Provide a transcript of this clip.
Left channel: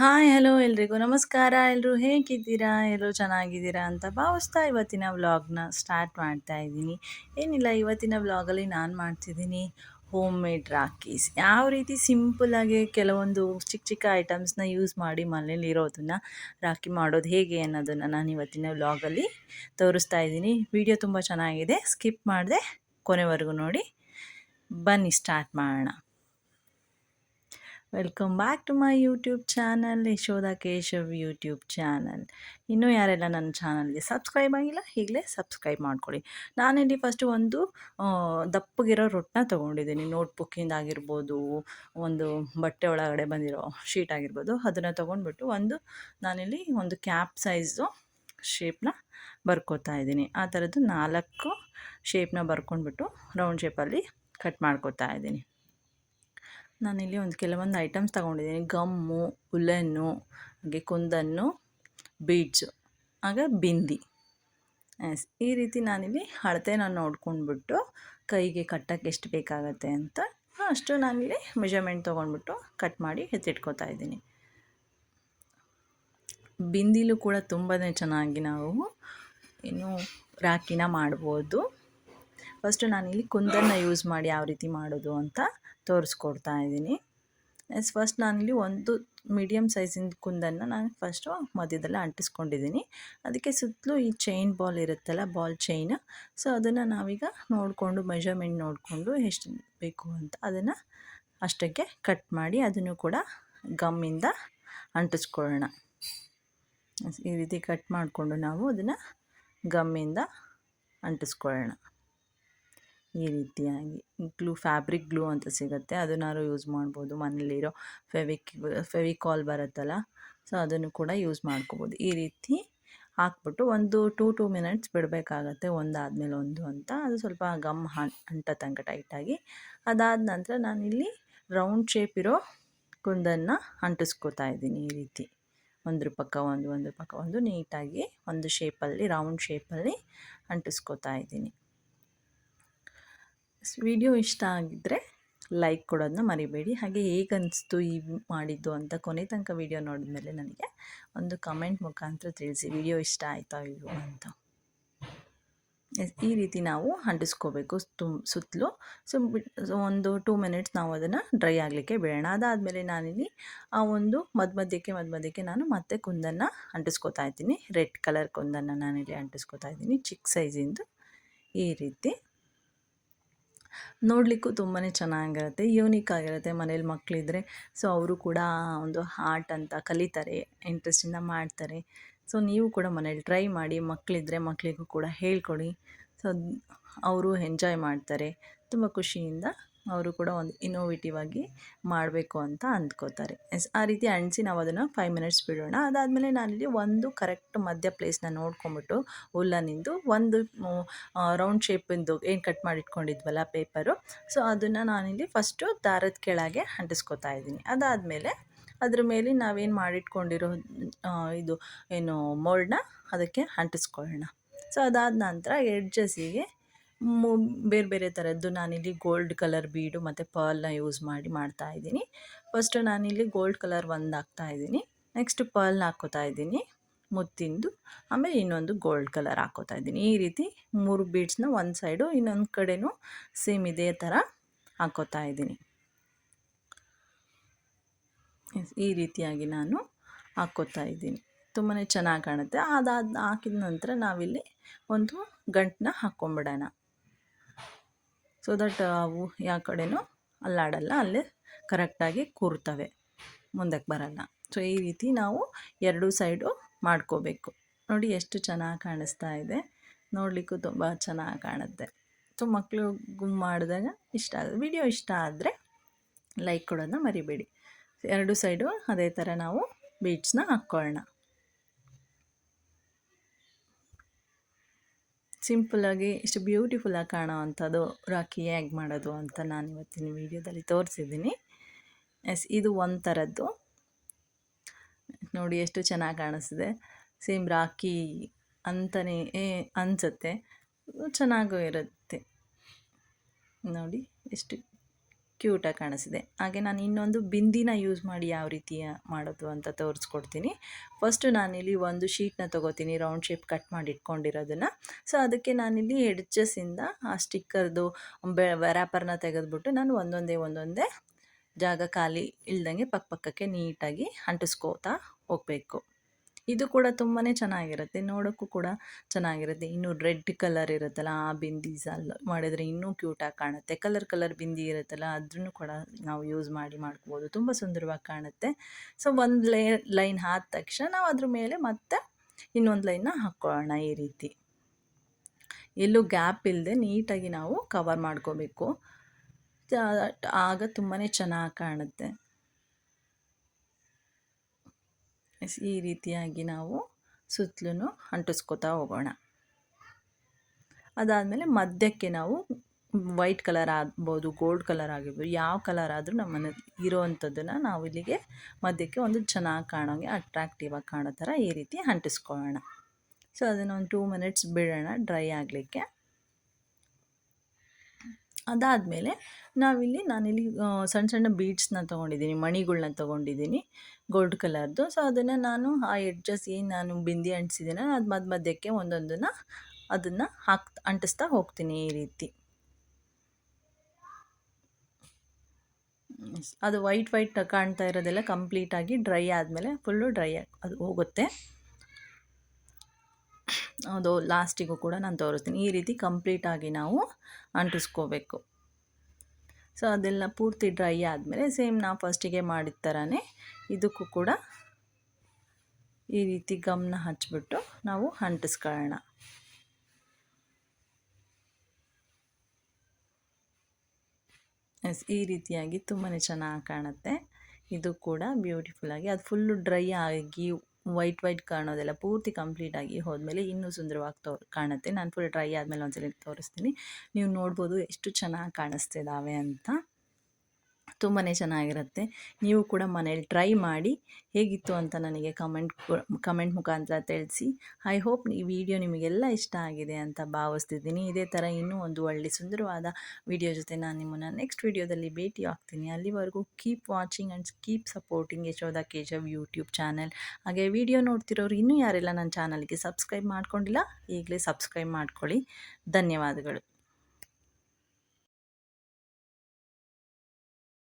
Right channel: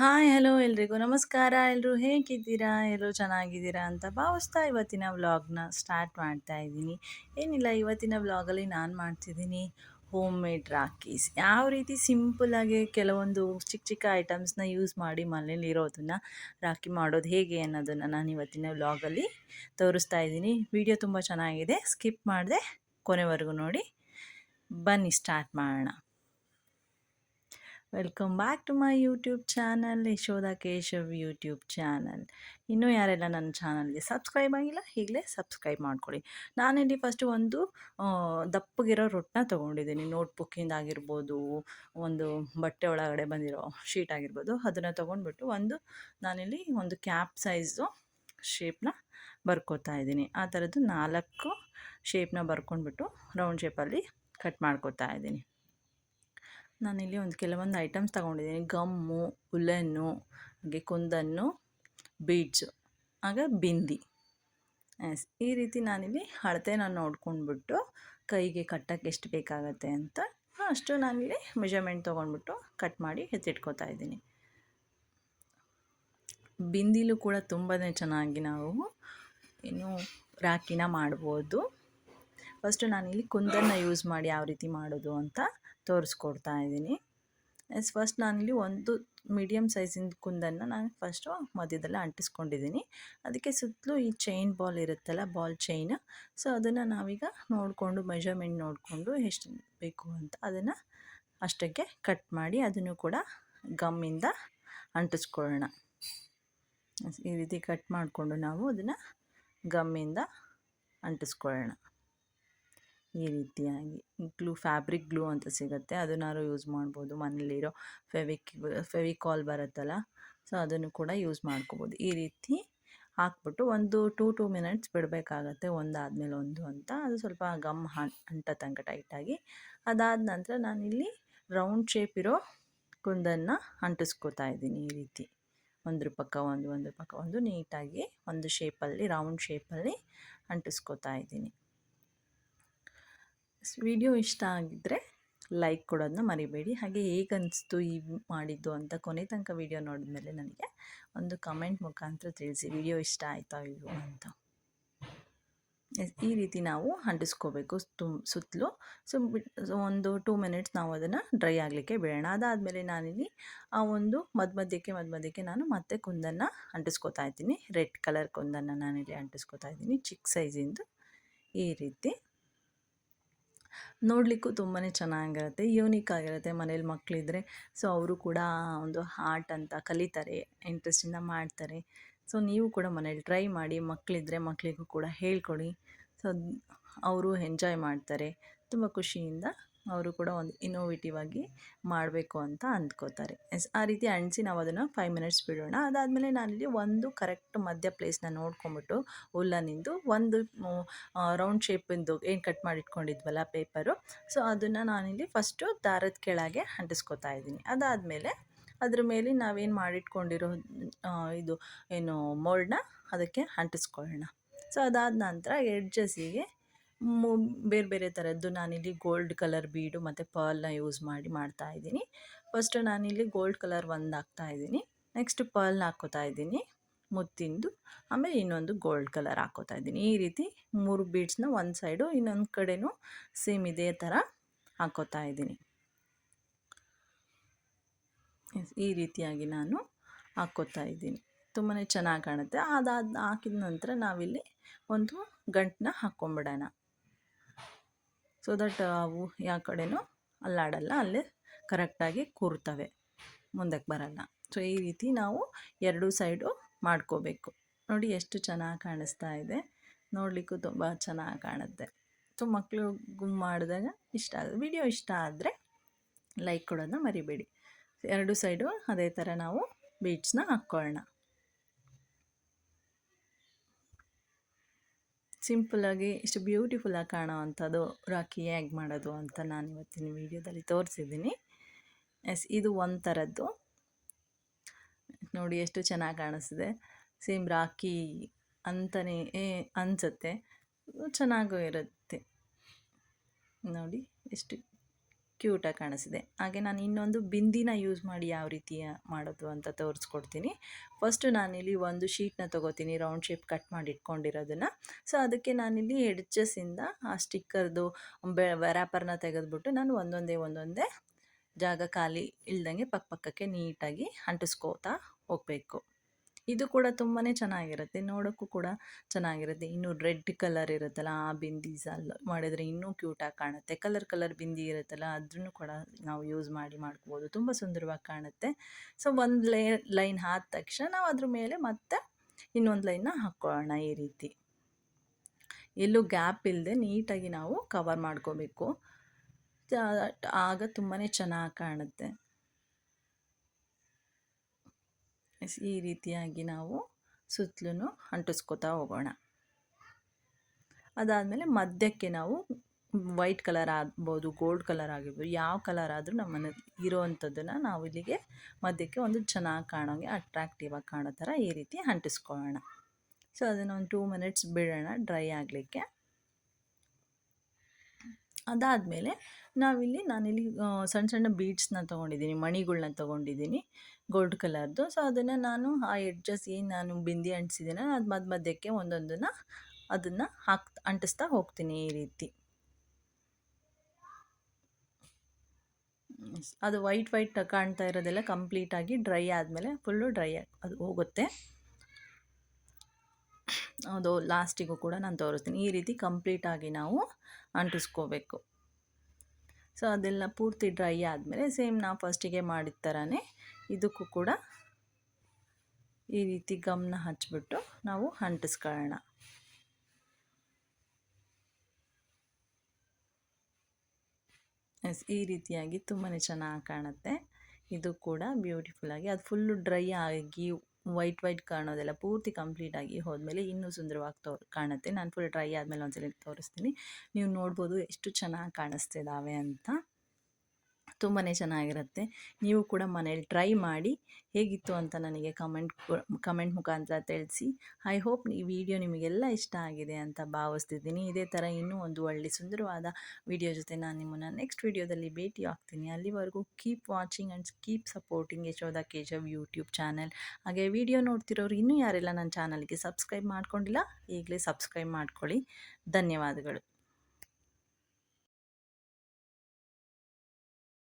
Hi hello ಎಲ್ರಿಗೂ ನಮಸ್ಕಾರ. ಎಲ್ಲರೂ ಹೇಗಿದ್ದೀರಾ? ಎಲ್ಲರೂ ಚೆನ್ನಾಗಿದ್ದೀರಾ ಅಂತ ಭಾವಿಸ್ತಾ ಇವತ್ತಿನ ವ್ಲಾಗ್ನ ಸ್ಟಾರ್ಟ್ ಮಾಡ್ತಾ ಇದ್ದೀನಿ. ಏನಿಲ್ಲ, ಇವತ್ತಿನ ವ್ಲಾಗಲ್ಲಿ ನಾನು ಮಾಡ್ತಿದ್ದೀನಿ ಹೋಮ್ ಮೇಡ್ ರಾಖೀಸ್. ಯಾವ ರೀತಿ ಸಿಂಪಲ್ಲಾಗಿ ಕೆಲವೊಂದು ಚಿಕ್ಕ ಚಿಕ್ಕ ಐಟಮ್ಸ್ನ ಯೂಸ್ ಮಾಡಿ ಮನೇಲಿರೋದನ್ನು ರಾಖಿ ಮಾಡೋದು ಹೇಗೆ ಅನ್ನೋದನ್ನು ನಾನು ಇವತ್ತಿನ ವ್ಲಾಗಲ್ಲಿ ತೋರಿಸ್ತಾ ಇದ್ದೀನಿ. ವಿಡಿಯೋ ತುಂಬ ಚೆನ್ನಾಗಿದೆ, ಸ್ಕಿಪ್ ಮಾಡದೆ ಕೊನೆವರೆಗೂ ನೋಡಿ. ಬನ್ನಿ ಸ್ಟಾರ್ಟ್ ಮಾಡೋಣ. Welcome back to my YouTube channel, Yashoda Keshav YouTube channel. ಇನ್ನೂ ಯಾರೆಲ್ಲ ನನ್ನ ಚಾನಲ್ಗೆ ಸಬ್ಸ್ಕ್ರೈಬ್ ಆಗಿಲ್ಲ, ಈಗಲೇ ಸಬ್ಸ್ಕ್ರೈಬ್ ಮಾಡ್ಕೊಳ್ಳಿ. ನಾನಿಲ್ಲಿ ಫಸ್ಟು ಒಂದು ದಪ್ಪಗಿರೋ ರೊಟ್ಟನ್ನ ತೊಗೊಂಡಿದ್ದೀನಿ. ನೋಟ್ಬುಕ್ಕಿಂದ ಆಗಿರ್ಬೋದು, ಒಂದು ಬಟ್ಟೆ ಒಳಗಡೆ ಬಂದಿರೋ ಶೀಟ್ ಆಗಿರ್ಬೋದು, ಅದನ್ನು ತೊಗೊಂಡ್ಬಿಟ್ಟು ನಾನಿಲ್ಲಿ ಒಂದು ಕ್ಯಾಪ್ ಸೈಜು ಶೇಪ್ನ ಬರ್ಕೋತಾ ಇದ್ದೀನಿ. ಆ ಥರದ್ದು 4 ಶೇಪ್ನ ಬರ್ಕೊಂಡ್ಬಿಟ್ಟು ರೌಂಡ್ ಶೇಪಲ್ಲಿ ಕಟ್ ಮಾಡ್ಕೋತಾ ಇದ್ದೀನಿ. ನಾನಿಲ್ಲಿ ಕೆಲವೊಂದು ಐಟಮ್ಸ್ ತೊಗೊಂಡಿದ್ದೀನಿ. ಗಮ್ಮು, ಉಲೆನ್ನು, ಹಾಗೆ ಕುಂದನ್ನು, ಬೀಡ್ಸು, ಆಗ ಬಿಂದಿ. ಈ ರೀತಿ ನಾನಿಲ್ಲಿ ಅಳತೆನ ನೋಡ್ಕೊಂಡ್ಬಿಟ್ಟು ಕೈಗೆ ಕಟ್ಟಕ್ಕೆ ಎಷ್ಟು ಬೇಕಾಗತ್ತೆ ಅಂತ ಅಷ್ಟು ನಾನಿಲ್ಲಿ ಮೆಜರ್ಮೆಂಟ್ ತೊಗೊಂಡ್ಬಿಟ್ಟು ಕಟ್ ಮಾಡಿ ಎತ್ತಿಟ್ಕೋತಾ ಇದ್ದೀನಿ. ಬಿಂದಿಲೂ ಕೂಡ ತುಂಬಾ ಚೆನ್ನಾಗಿ ನಾವು ರಾಖಿನ ಮಾಡ್ಬೋದು. ಫಸ್ಟು ನಾನಿಲ್ಲಿ ಕುಂದನ್ನು ಯೂಸ್ ಮಾಡಿ ಯಾವ ರೀತಿ ಮಾಡೋದು ಅಂತ ತೋರಿಸ್ಕೊಡ್ತಾ ಇದ್ದೀನಿ. ಫಸ್ಟ್ ನಾನಿಲ್ಲಿ ಒಂದು ಮೀಡಿಯಮ್ ಸೈಜಿಂದ ಕುಂದನ್ನು ನಾನು ಫಸ್ಟು ಮಧ್ಯದಲ್ಲಿ ಅಂಟಿಸ್ಕೊಂಡಿದ್ದೀನಿ. ಅದಕ್ಕೆ ಸುತ್ತಲೂ ಈ ಚೈನ್ ಬಾಲ್ ಇರುತ್ತಲ್ಲ, ಬಾಲ್ ಚೈನ್, ಸೊ ಅದನ್ನು ನಾವೀಗ ನೋಡಿಕೊಂಡು ಮೆಜರ್ಮೆಂಟ್ ನೋಡಿಕೊಂಡು ಎಷ್ಟು ಬೇಕು ಅಂತ ಅದನ್ನು ಅಷ್ಟಕ್ಕೆ ಕಟ್ ಮಾಡಿ ಅದನ್ನು ಕೂಡ ಗಮ್ಮಿಂದ ಅಂಟಿಸ್ಕೊಳ್ಳೋಣ. ಈ ರೀತಿ ಕಟ್ ಮಾಡಿಕೊಂಡು ನಾವು ಅದನ್ನು ಗಮ್ಮಿಂದ ಅಂಟಿಸ್ಕೊಳ್ಳೋಣ. ಈ ರೀತಿಯಾಗಿ ಫ್ಯಾಬ್ರಿಕ್ ಗ್ಲೂ ಅಂತ ಸಿಗುತ್ತೆ, ಅದನ್ನಾರು ಯೂಸ್ ಮಾಡ್ಬೋದು. ಮನೇಲಿರೋ ಫೆವಿಕಾಲ್ ಬರುತ್ತಲ್ಲ, ಸೊ ಅದನ್ನು ಕೂಡ ಯೂಸ್ ಮಾಡ್ಕೋಬೋದು. ಈ ರೀತಿ ಹಾಕ್ಬಿಟ್ಟು ಒಂದು 2 ಮಿನಿಟ್ಸ್ ಬಿಡಬೇಕಾಗತ್ತೆ, ಒಂದಾದಮೇಲೆ ಒಂದು ಅಂತ. ಅದು ಸ್ವಲ್ಪ ಗಮ್ ಅಂಟ ತನಕ ಟೈಟಾಗಿ. ಅದಾದ ನಂತರ ನಾನಿಲ್ಲಿ ರೌಂಡ್ ಶೇಪ್ ಇರೋ ಕುಂದನ್ನು ಅಂಟಿಸ್ಕೋತಾ ಇದ್ದೀನಿ. ಈ ರೀತಿ ಒಂದ್ರ ಪಕ್ಕ ಒಂದು ನೀಟಾಗಿ ಒಂದು ಶೇಪಲ್ಲಿ, ರೌಂಡ್ ಶೇಪಲ್ಲಿ ಅಂಟಿಸ್ಕೋತಾ ಇದ್ದೀನಿ. ವಿಡಿಯೋ ಇಷ್ಟ ಆಗಿದ್ದರೆ ಲೈಕ್ ಕೊಡೋದನ್ನ ಮರಿಬೇಡಿ. ಹಾಗೆ ಹೇಗೆ ಅನಿಸ್ತು ಈ ಮಾಡಿದ್ದು ಅಂತ ಕೊನೆ ತನಕ ವಿಡಿಯೋ ನೋಡಿದ್ಮೇಲೆ ನನಗೆ ಒಂದು ಕಮೆಂಟ್ ಮುಖಾಂತರ ತಿಳಿಸಿ, ವಿಡಿಯೋ ಇಷ್ಟ ಆಯಿತಾ ಇಲ್ವೋ ಅಂತ. ಈ ರೀತಿ ನಾವು ಅಂಟಿಸ್ಕೋಬೇಕು ಸುತ್ತಲೂ. ಒಂದು 2 ಮಿನಿಟ್ಸ್ ನಾವು ಅದನ್ನು ಡ್ರೈ ಆಗಲಿಕ್ಕೆ ಬಿಡೋಣ. ಅದಾದಮೇಲೆ ನಾನಿಲ್ಲಿ ಆ ಒಂದು ಮಧ್ಯಕ್ಕೆ ನಾನು ಮತ್ತೆ ಕುಂದನ್ನು ಅಂಟಿಸ್ಕೋತಾ ಇದ್ದೀನಿ. ರೆಡ್ ಕಲರ್ ಕುಂದನ್ನು ನಾನಿಲ್ಲಿ ಅಂಟಿಸ್ಕೋತಾ ಇದ್ದೀನಿ, ಚಿಕ್ಕ ಸೈಜಿಂದು. ಈ ರೀತಿ ನೋಡಲಿಕ್ಕೂ ತುಂಬಾ ಚೆನ್ನಾಗಿರುತ್ತೆ, ಯೂನಿಕ್ ಆಗಿರುತ್ತೆ. ಮನೇಲಿ ಮಕ್ಕಳಿದ್ರೆ ಸೊ ಅವರು ಕೂಡ ಒಂದು ಆರ್ಟ್ ಅಂತ ಕಲಿತಾರೆ, ಇಂಟ್ರೆಸ್ಟಿಂದ ಮಾಡ್ತಾರೆ. ಸೊ ನೀವು ಕೂಡ ಮನೇಲಿ ಟ್ರೈ ಮಾಡಿ. ಮಕ್ಕಳಿದ್ರೆ ಮಕ್ಕಳಿಗೂ ಕೂಡ ಹೇಳ್ಕೊಡಿ. ಸೊ ಅವರು ಎಂಜಾಯ್ ಮಾಡ್ತಾರೆ, ತುಂಬ ಖುಷಿಯಿಂದ ಅವರು ಕೂಡ ಒಂದು ಇನ್ನೋವೇಟಿವ್ ಆಗಿ ಮಾಡಬೇಕು ಅಂತ ಅಂದ್ಕೋತಾರೆ. ಆ ರೀತಿ ಅಂಟಿಸಿ ನಾವು ಅದನ್ನು 5 ಮಿನಿಟ್ಸ್ ಬಿಡೋಣ. ಅದಾದಮೇಲೆ ನಾನಿಲ್ಲಿ ಒಂದು ಕರೆಕ್ಟ್ ಮಧ್ಯ ಪ್ಲೇಸ್ನ ನೋಡ್ಕೊಂಬಿಟ್ಟು ಉಲ್ಲನಿಂದು ಒಂದು ರೌಂಡ್ ಶೇಪಿಂದು ಏನು ಕಟ್ ಮಾಡಿ ಇಟ್ಕೊಂಡಿದ್ವಲ್ಲ ಪೇಪರು, ಸೊ ಅದನ್ನು ನಾನಿಲ್ಲಿ ಫಸ್ಟು ದಾರದ ಕೆಳಗೆ ಅಂಟಿಸ್ಕೋತಾ ಇದ್ದೀನಿ. ಅದಾದಮೇಲೆ ಅದ್ರ ಮೇಲೆ ನಾವೇನು ಮಾಡಿಟ್ಕೊಂಡಿರೋ ಇದು ಏನು ಮೋಲ್ಡ್ನ ಅದಕ್ಕೆ ಅಂಟಿಸ್ಕೊಳ್ಳೋಣ. ಸೊ ಅದಾದ ನಂತರ ಎಡ್ಜಸ್ಸಿಗೆ ಬೇರೆ ಥರದ್ದು ನಾನಿಲ್ಲಿ ಗೋಲ್ಡ್ ಕಲರ್ ಬೀಡು ಮತ್ತು ಪರ್ಲ್ನ ಯೂಸ್ ಮಾಡಿ ಮಾಡ್ತಾಯಿದ್ದೀನಿ. ಫಸ್ಟು ನಾನಿಲ್ಲಿ ಗೋಲ್ಡ್ ಕಲರ್ ಒಂದು ಹಾಕ್ತಾಯಿದ್ದೀನಿ, ನೆಕ್ಸ್ಟ್ ಪರ್ಲ್ನ ಹಾಕ್ಕೋತಾ ಇದ್ದೀನಿ ಮುತ್ತಿಂದು, ಆಮೇಲೆ ಇನ್ನೊಂದು ಗೋಲ್ಡ್ ಕಲರ್ ಹಾಕ್ಕೋತಾ ಇದ್ದೀನಿ. ಈ ರೀತಿ 3 ಬೀಡ್ಸ್ನ ಒಂದು ಸೈಡು, ಇನ್ನೊಂದು ಕಡೆನೂ ಸೇಮ್ ಇದೇ ಥರ ಹಾಕ್ಕೋತಾ ಇದ್ದೀನಿ. ಈ ರೀತಿಯಾಗಿ ನಾನು ಹಾಕ್ಕೋತಾ ಇದ್ದೀನಿ, ತುಂಬಾ ಚೆನ್ನಾಗಿ ಕಾಣುತ್ತೆ. ಹಾಕಿದ ನಂತರ ನಾವಿಲ್ಲಿ ಒಂದು ಗಂಟನ್ನ ಹಾಕ್ಕೊಂಬಿಡೋಣ, ಸೊ ದಟ್ ಅವು ಯಾವ ಕಡೆನೂ ಅಲ್ಲಾಡಲ್ಲ, ಅಲ್ಲೇ ಕರೆಕ್ಟಾಗಿ ಕೂರ್ತವೆ, ಮುಂದಕ್ಕೆ ಬರಲ್ಲ. ಸೊ ಈ ರೀತಿ ನಾವು 2 ಸೈಡು ಮಾಡ್ಕೋಬೇಕು. ನೋಡಿ ಎಷ್ಟು ಚೆನ್ನಾಗಿ ಕಾಣಿಸ್ತಾ ಇದೆ, ನೋಡಲಿಕ್ಕೂ ತುಂಬ ಚೆನ್ನಾಗಿ ಕಾಣುತ್ತೆ. ಸೊ ಮಕ್ಕಳಿಗೂ ಮಾಡಿದಾಗ ಇಷ್ಟ ಆಗುತ್ತೆ. ವಿಡಿಯೋ ಇಷ್ಟ ಆದರೆ ಲೈಕ್ ಕೊಡೋದನ್ನ ಮರಿಬೇಡಿ. 2 ಸೈಡು ಅದೇ ಥರ ನಾವು ಬೀಡ್ಸ್ನ ಹಾಕ್ಕೊಳ್ಳೋಣ. ಸಿಂಪಲ್ಲಾಗಿ ಇಷ್ಟು ಬ್ಯೂಟಿಫುಲ್ಲಾಗಿ ಕಾಣೋ ಅಂಥದ್ದು ರಾಖಿ ಹೇಗೆ ಮಾಡೋದು ಅಂತ ನಾನು ಇವತ್ತಿನ ವೀಡಿಯೋದಲ್ಲಿ ತೋರಿಸಿದ್ದೀನಿ. ಇದು ಒಂದು ಥರದ್ದು ನೋಡಿ ಎಷ್ಟು ಚೆನ್ನಾಗಿ ಕಾಣಿಸ್ತಿದೆ. ಸೇಮ್ ರಾಖಿ ಅಂತಲೇ ಅನಿಸುತ್ತೆ, ಚೆನ್ನಾಗೂ ಇರುತ್ತೆ. ನೋಡಿ ಎಷ್ಟು ಕ್ಯೂಟಾಗಿ ಕಾಣಿಸಿದೆ. ಹಾಗೆ ನಾನು ಇನ್ನೊಂದು ಬಿಂದಿನ ಯೂಸ್ ಮಾಡಿ ಯಾವ ರೀತಿ ಮಾಡೋದು ಅಂತ ತೋರಿಸ್ಕೊಡ್ತೀನಿ. ಫಸ್ಟು ನಾನಿಲ್ಲಿ ಒಂದು ಶೀಟ್ನ ತೊಗೋತೀನಿ, ರೌಂಡ್ ಶೇಪ್ ಕಟ್ ಮಾಡಿ ಇಟ್ಕೊಂಡಿರೋದನ್ನು. ಸೊ ಅದಕ್ಕೆ ನಾನಿಲ್ಲಿ ಎಡ್ಜಸ್ಸಿಂದ ಆ ಸ್ಟಿಕ್ಕರ್ದು ರ್ಯಾಪರ್ನ ತೆಗೆದುಬಿಟ್ಟು ನಾನು ಒಂದೊಂದೇ ಜಾಗ ಖಾಲಿ ಇಲ್ದಂಗೆ ಪಕ್ಕಕ್ಕೆ ನೀಟಾಗಿ ಅಂಟಿಸ್ಕೋತಾ ಹೋಗಬೇಕು. ಇದು ಕೂಡ ತುಂಬಾ ಚೆನ್ನಾಗಿರುತ್ತೆ, ನೋಡೋಕ್ಕೂ ಕೂಡ ಚೆನ್ನಾಗಿರುತ್ತೆ. ಇನ್ನು ರೆಡ್ ಕಲರ್ ಇರುತ್ತಲ್ಲ, ಆ ಬಿಂದಿ ಮಾಡಿದರೆ ಇನ್ನೂ ಕ್ಯೂಟಾಗಿ ಕಾಣುತ್ತೆ. ಕಲರ್ ಬಿಂದಿ ಇರುತ್ತಲ್ಲ, ಅದನ್ನು ಕೂಡ ನಾವು ಯೂಸ್ ಮಾಡ್ಕೋಬೋದು, ತುಂಬ ಸುಂದರವಾಗಿ ಕಾಣುತ್ತೆ. ಸೊ ಒಂದು ಲೈನ್ ಆದ ತಕ್ಷಣ ನಾವು ಅದ್ರ ಮೇಲೆ ಮತ್ತೆ ಇನ್ನೊಂದು ಲೈನ್ನ ಹಾಕ್ಕೊಳ್ಳೋಣ. ಈ ರೀತಿ ಎಲ್ಲೂ ಗ್ಯಾಪ್ ಇಲ್ಲದೆ ನೀಟಾಗಿ ನಾವು ಕವರ್ ಮಾಡ್ಕೋಬೇಕು, ಆಗ ತುಂಬಾ ಚೆನ್ನಾಗಿ ಕಾಣುತ್ತೆ. ಈ ರೀತಿಯಾಗಿ ನಾವು ಸುತ್ತಲೂ ಅಂಟಿಸ್ಕೋತಾ ಹೋಗೋಣ. ಅದಾದಮೇಲೆ ಮಧ್ಯಕ್ಕೆ ನಾವು ವೈಟ್ ಕಲರ್ ಆಗ್ಬೋದು, ಗೋಲ್ಡ್ ಕಲರ್ ಆಗಿರ್ಬೋದು, ಯಾವ ಕಲರ್ ಆದರೂ ನಮ್ಮನೆ ಇರೋವಂಥದ್ದನ್ನು ನಾವು ಇಲ್ಲಿಗೆ ಮಧ್ಯಕ್ಕೆ ಒಂದು ಚೆನ್ನಾಗಿ ಕಾಣೋಂಗೆ ಅಟ್ರಾಕ್ಟಿವ್ ಆಗಿ ಕಾಣೋ ಥರ ಈ ರೀತಿ ಅಂಟಿಸ್ಕೊಳ್ಳೋಣ. ಸೊ ಅದನ್ನು ಒಂದು 2 ಮಿನಿಟ್ಸ್ ಬಿಡೋಣ ಡ್ರೈ ಆಗಲಿಕ್ಕೆ. ಅದಾದಮೇಲೆ ನಾನಿಲ್ಲಿ ಸಣ್ಣ ಬೀಡ್ಸ್ನ ತೊಗೊಂಡಿದ್ದೀನಿ, ಮಣಿಗಳ್ನ ತೊಗೊಂಡಿದ್ದೀನಿ ಗೋಲ್ಡ್ ಕಲರ್ದು. ಸೊ ಅದನ್ನು ನಾನು ಆ ಎಡ್ಜಸ್ ಏನು ನಾನು ಬಿಂದಿ ಅಂಟಿಸಿದ್ದೀನ ಅದು ಮಧ್ಯಕ್ಕೆ ಒಂದೊಂದನ್ನು ಅದನ್ನು ಅಂಟಿಸ್ತಾ ಹೋಗ್ತೀನಿ. ಈ ರೀತಿ ಅದು ವೈಟ್ ಕಾಣ್ತಾ ಇರೋದೆಲ್ಲ ಕಂಪ್ಲೀಟಾಗಿ ಡ್ರೈ ಆದಮೇಲೆ ಫುಲ್ಲು ಡ್ರೈ ಅದು ಹೋಗುತ್ತೆ. ಅದು ಲಾಸ್ಟಿಗೂ ಕೂಡ ನಾನು ತೋರಿಸ್ತೀನಿ. ಈ ರೀತಿ ಕಂಪ್ಲೀಟಾಗಿ ನಾವು ಅಂಟಿಸ್ಕೋಬೇಕು. ಸೊ ಅದೆಲ್ಲ ಪೂರ್ತಿ ಡ್ರೈ ಆದಮೇಲೆ ಸೇಮ್ ನಾವು ಫಸ್ಟಿಗೆ ಮಾಡಿದ ಥರನೇ ಇದಕ್ಕೂ ಕೂಡ ಈ ರೀತಿ ಗಮ್ನ ಹಚ್ಬಿಟ್ಟು ನಾವು ಅಂಟಿಸ್ಕೊಳ್ಳೋಣ. ಈ ರೀತಿಯಾಗಿ ತುಂಬಾ ಚೆನ್ನಾಗಿ ಕಾಣುತ್ತೆ. ಇದು ಕೂಡ ಬ್ಯೂಟಿಫುಲ್ಲಾಗಿ ಅದು ಫುಲ್ಲು ಡ್ರೈ ಆಗಿ ವೈಟ್ ಕಾಣೋದೆಲ್ಲ ಪೂರ್ತಿ ಕಂಪ್ಲೀಟಾಗಿ ಹೋದ್ಮೇಲೆ ಇನ್ನೂ ಸುಂದರವಾಗಿ ಕಾಣುತ್ತೆ. ನಾನು ಫುಲ್ ಡ್ರೈ ಆದಮೇಲೆ ಒಂದ್ಸಲ ತೋರಿಸ್ತೀನಿ. ನೀವು ನೋಡ್ಬೋದು ಎಷ್ಟು ಚೆನ್ನಾಗಿ ಕಾಣಿಸ್ತಿದ್ದಾವೆ ಅಂತ. ತುಂಬಾ ಚೆನ್ನಾಗಿರುತ್ತೆ. ನೀವು ಕೂಡ ಮನೇಲಿ ಟ್ರೈ ಮಾಡಿ ಹೇಗಿತ್ತು ಅಂತ ನನಗೆ ಕಮೆಂಟ್ ಮುಖಾಂತರ ತಿಳಿಸಿ. ಐ ಹೋಪ್ ಈ ವಿಡಿಯೋ ನಿಮಗೆಲ್ಲ ಇಷ್ಟ ಆಗಿದೆ ಅಂತ ಭಾವಿಸ್ತಿದ್ದೀನಿ. ಇದೇ ಥರ ಇನ್ನೂ ಒಂದು ಒಳ್ಳೆ ಸುಂದರವಾದ ವಿಡಿಯೋ ಜೊತೆ ನಾನು ನಿಮ್ಮನ್ನು ನೆಕ್ಸ್ಟ್ ವಿಡಿಯೋದಲ್ಲಿ ಭೇಟಿ ಆಗ್ತೀನಿ. ಅಲ್ಲಿವರೆಗೂ keep watching and keep supporting Yashoda Keshav YouTube channel. ಹಾಗೆ ವಿಡಿಯೋ ನೋಡ್ತಿರೋರು ಇನ್ನೂ ಯಾರೆಲ್ಲ ನನ್ನ ಚಾನಲ್ಗೆ ಸಬ್ಸ್ಕ್ರೈಬ್ ಮಾಡ್ಕೊಂಡಿಲ್ಲ, ಈಗಲೇ ಸಬ್ಸ್ಕ್ರೈಬ್ ಮಾಡ್ಕೊಳ್ಳಿ. ಧನ್ಯವಾದಗಳು.